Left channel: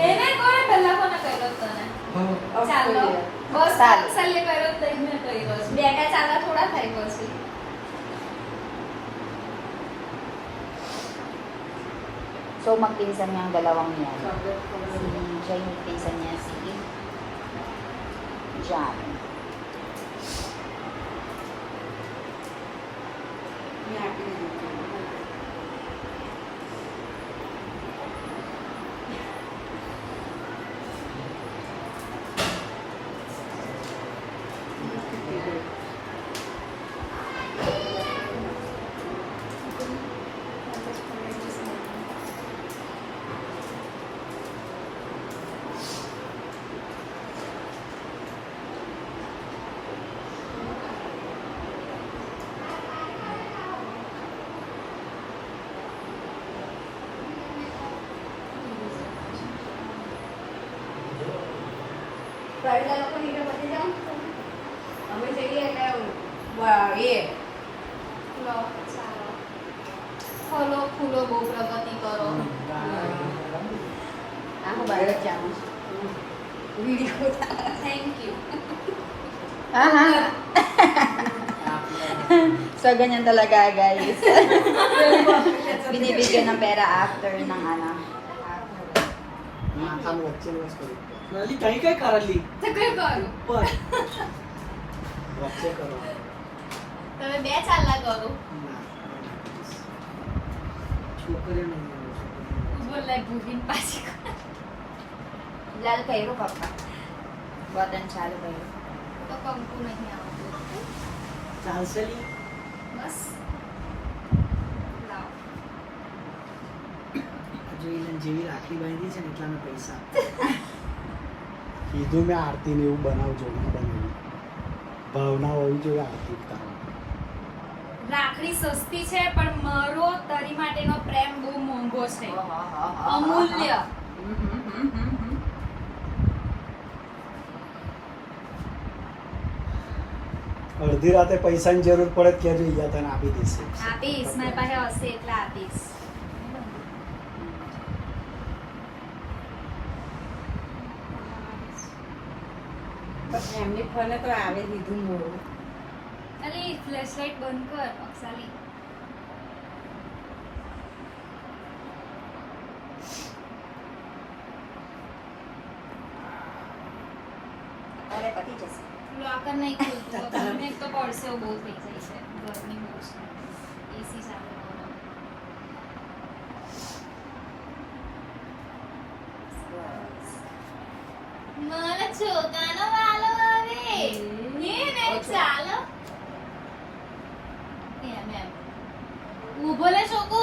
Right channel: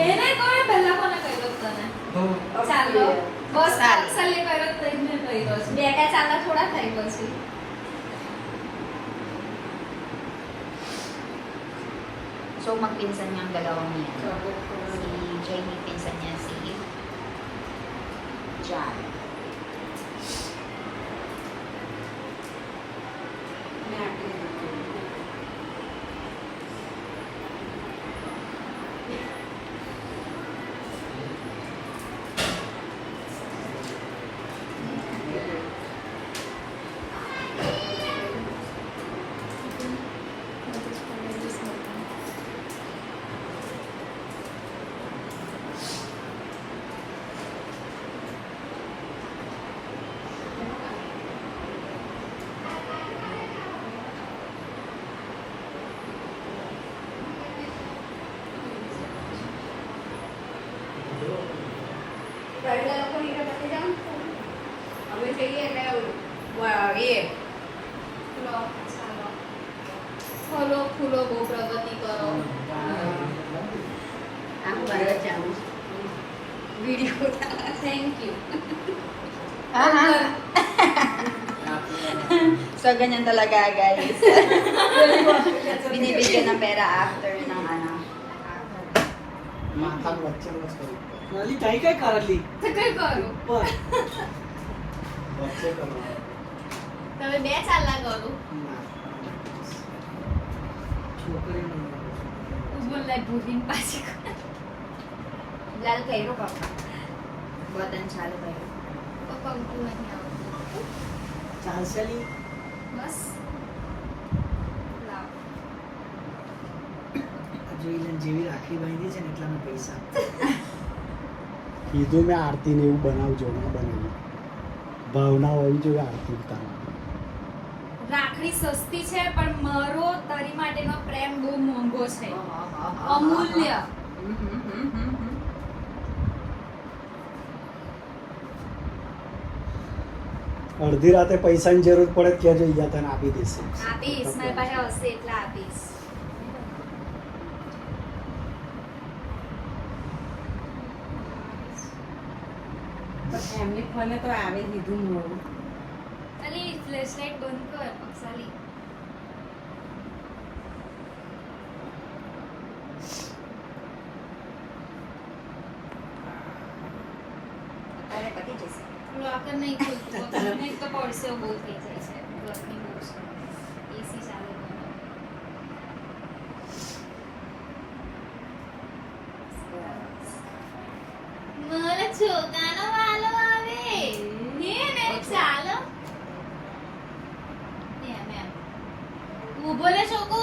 એને કોઈ પહેલા કોને કર્યો તને ચાલો બસ સાલી કર્યો તો એને કર્યો છે બેટા ચાલા થોડા થઈ પછી So magpinsan niya ang dalawang yan. Si Jamie pinsan niya si John. પહેલા લોકો નીચે પતી જાઓ અમે જઈએ એટલે એ ફૂલો ફૂલો બહુ પ્રગતિ કરો Ako ba yung jam? Video thank you So, ganyan talaga, guys. Binibigyan ng pera after ng ano. માથામાં વચ્ચે વસ્તુ નાલી કઈ કઈ કરેલી તો કઈ કરું પર વચ્ચે કરો તમે બે ચાલલા કરો છોકરીઓ બોલાય ભૂલીને પાછી Lalo kayo, papa. Buatan salo kayo. તો કંકુ નહીં આવતું ચાલશે લી બસ લાવ જોઈ જેવી રાખડી બાંધી છે ને એટલાના પૈસા કીધું મેં આરતીને એવું બનાવજો મેં બનાવ્યું ભાવના હોવી જોઈએ આરતી ઉતારવા રાખડી સસ્તી છે પણ મારો તારી માટેનો પ્રેમ બહુ મોંઘો છે અમૂલ્ય અડધી રાતે પૈસાની જરૂર પડે ત્યાં જોઈ તને આપી દઈશ આપીશ મારી પાસે હશે એટલે આપીશ એમને ફોને તો આવી દીધું મોડું અલી ફ્લેશલાઇટ બંધ કર અક્ષાલી Para pati just. લોકર નહીં ખુલતું ગરમી તો પડશે બહુ થઈ જાય છે ગરમી બહુ છે એસી ચાલે મારા છોકરાનો વાલો આવે ને ચાલો એમ ઊભો લે છોકુ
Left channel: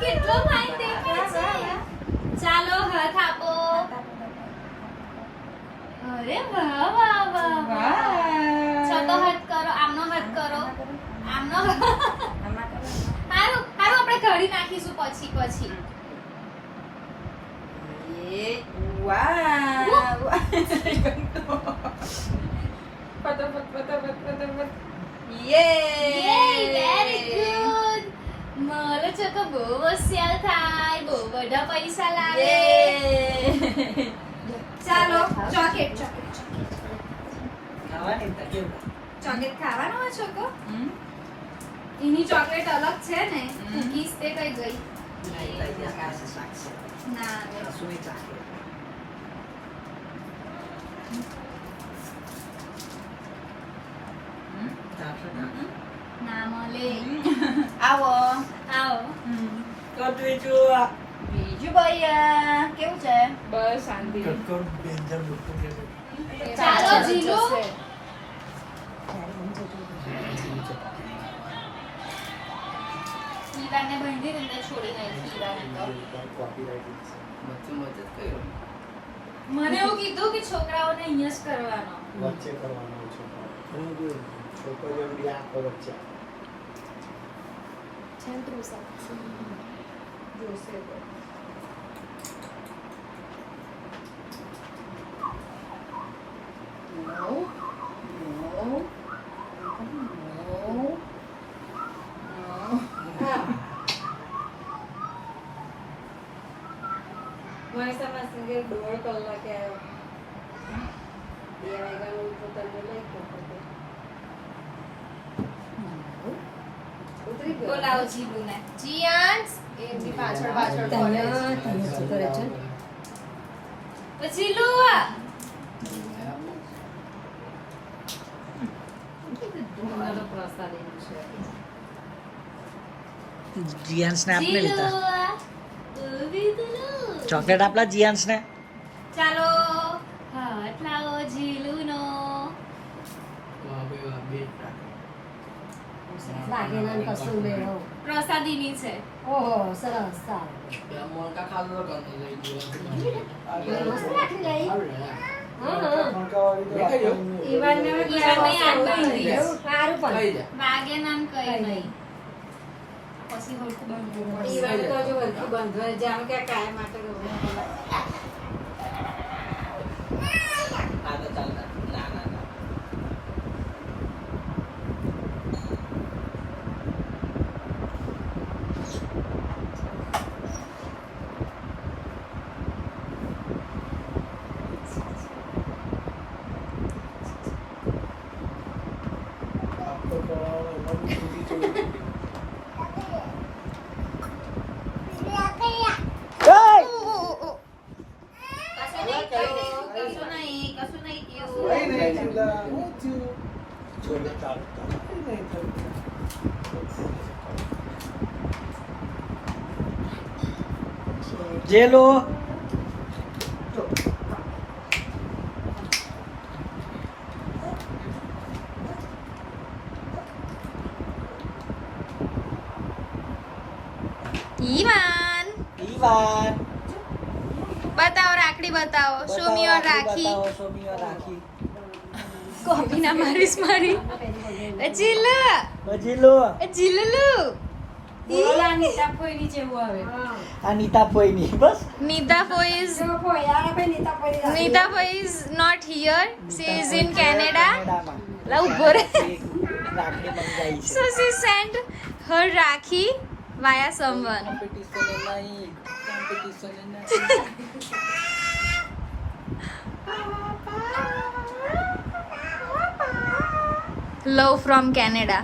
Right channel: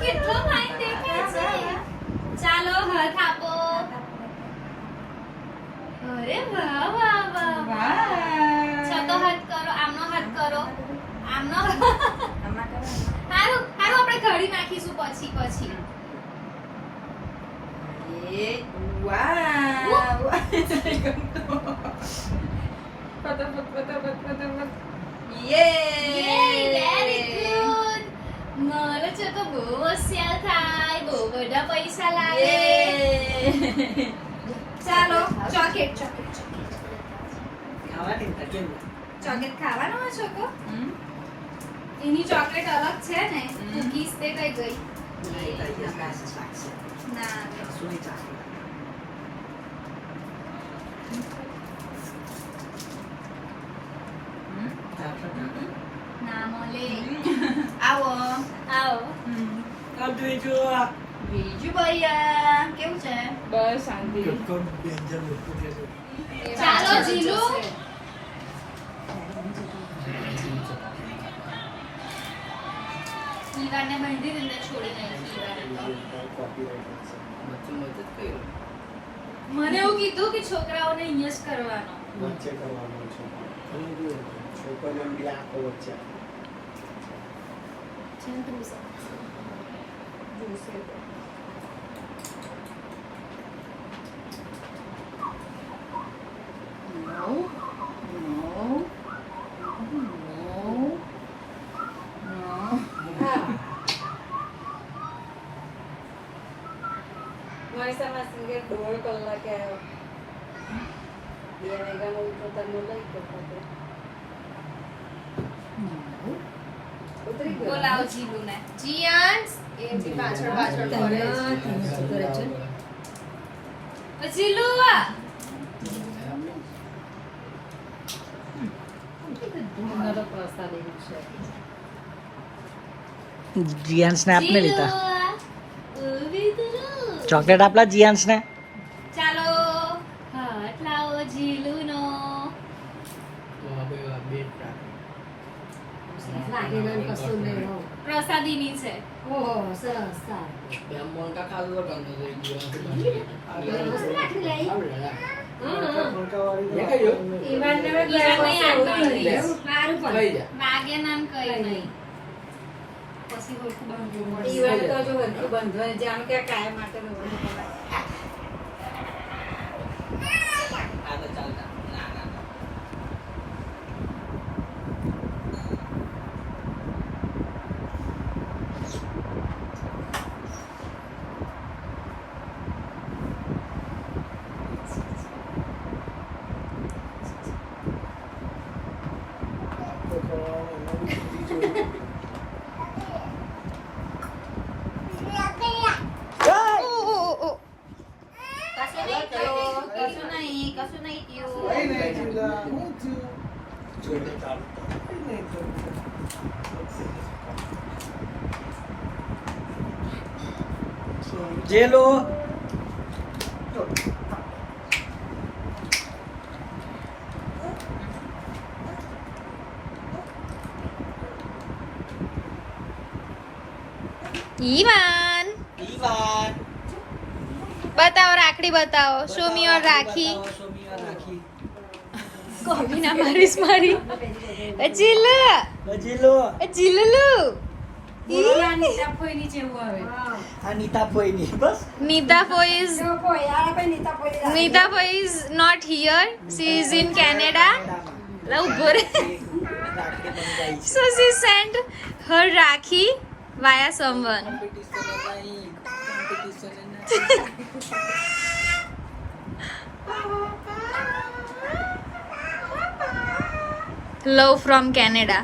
કેટલો ફાઇન દેખે છે ચાલો હાથ આપો અરે વાહ વાહ વાહ ચતો હાથ કરો આમનો હાથ કરો આમનો હારું આપણે ઘડી નાખીશું પછી Wow! Yay, very good. મારો છોકરો બહુ હોશિયાર થાય બહુ બધા પૈસા લાવે ચાલો ચોકલેટ ખાવાની ને કેવું ચોકલેટ ખાવાનો હોય છોકરો એની ચોકલેટ અલગ છે ને કુકીઝ તે કઈ ગઈ નહીં તારી પાસે સાક્ષી ના આવે સુની ચાખી ના મળે Awo! આવો Biju Baya! Keવું છે? બસ શાંતિ ચાલો જીલુ ઈરાને બાંધી દીધે છોડી નાખી મને એવું કીધું કે છોકરાઓને અહીંયા જ કરવાનો વચ્ચે કરવાનું છે છોકરીઓ બી આખો વચ્ચે માણસામાં સિંગર 1.5 કલાકે આવ્યો. 2 વાગ્યાનો ઉઠો તમે લઈ ગયો. ઉતરી ગયો. બોલાવો જીલુને. જીયાન્સ એ બી પાછળ પાછળ પડે છે. જીલુ મારો પ્રસ્તાવ એવું છે. જીયાન્સને આપને લીધા જીલુ ચોકલેટ આપલા જીયાન્સને ચાલો હાથ લાવો જીલુનો. લાગેલા ને કશું લેવો. પ્રસાદીની છે. ઓહો, સરસ, સારું. મસ્ત લાકડી લઈ. ઈવાનને સારું પણ. વાગે નામ કઈ નહીં. પછી હોળખું બાંધવું પડશે. ઈવાન તો જો હરખું બંધવાય છે. આમ કે કાયમ માટે રોકડો કમાય. કશું નહીં થયું. જેલો ઈવાન ઈવાન બતાવો રાખડી બતાવો. Show me your rakhi. Copy ના મારીશ મારી. જીલુ જેલો જીલુલુ અનિતા પોઈની જેવું આવે. અનિતા પોઈની બસ Nita Foy is જો કોઈ આ કોઈ Nita પોઈ. Nita Foy is not here. She is in Canada. લા ઉભો રે. So she sent her Rakhi via someone. Love from Canada.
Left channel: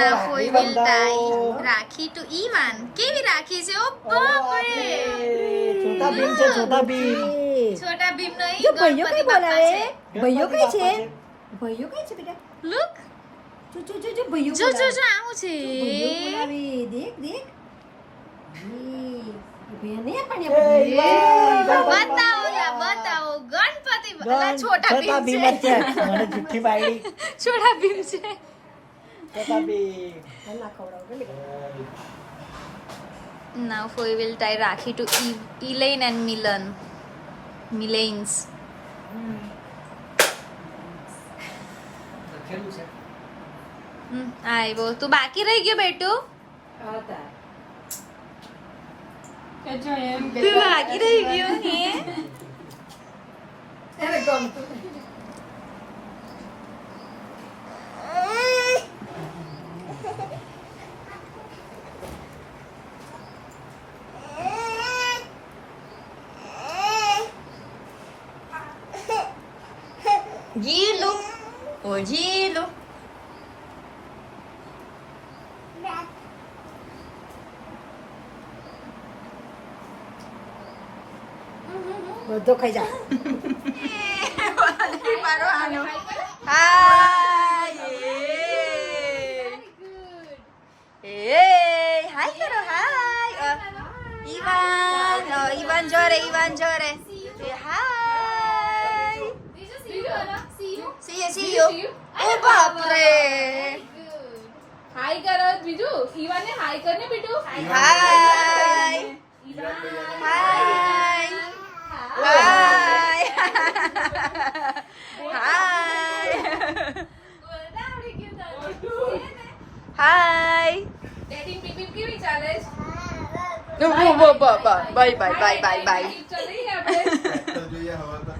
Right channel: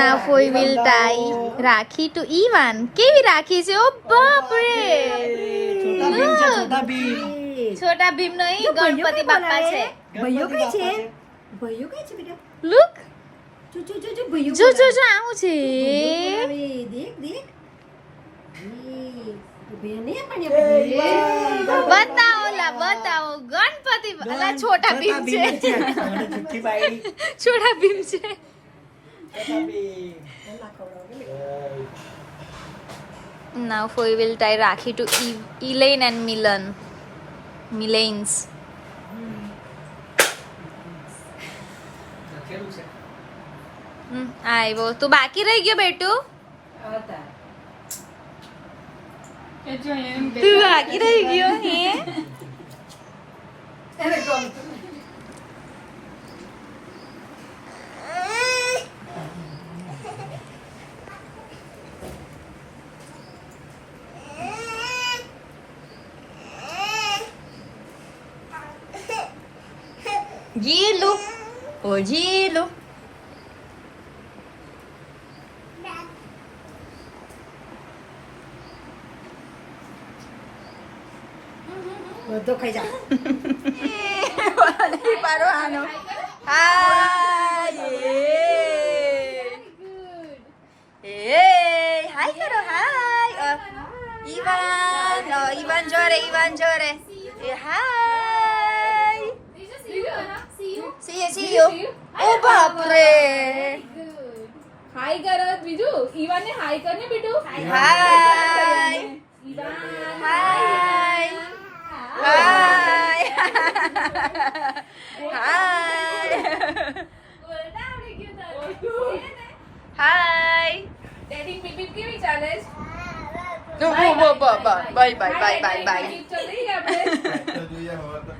Now Foy will tie Rakhi to Ivan. કેવી રાખી છે? ઓ બાપ રે. છોટા ભીમ છે છોટા ભીમ છોટા ભીમ નહીં, ગણપતિ બાપ્પા છે. ભાઈઓ કઈ છે? ભાઈઓ કઈ છે બેટા? Look. જો ભાઈઓ. જો આવું છે. દેખ દેખ. બેને પણ બતાવો લા બતાવો. ગણપતિ અલા છોટા ભીમ છે. મને જુઠ્ઠી પાડી છોટા ભીમ છે. Chhota Bheem Now Foy will tie Rakhi to Elaine and Milan. Milanes. લખેલું છે આવ્યો. તું બાકી રહી ગયો બેટું. હતા. તું બાકી રહી ગયો હે. એને ગમતું નહીં. જીલુ ઓ જીલુ. બધો ખાઈ જા. પાડો આનો. હાય હાય કરો હાય. ઈવાન જો રે. હાય. See you. ઓ બાપ રે. હાય કરો બીજું ઈવાને હાય કરને બેટુ હાય હાય હાય હાય હાય. ડેટિંગ પીપી કેવી ચાલે છે બાય બાય ચાલે આપણે ગયા હવા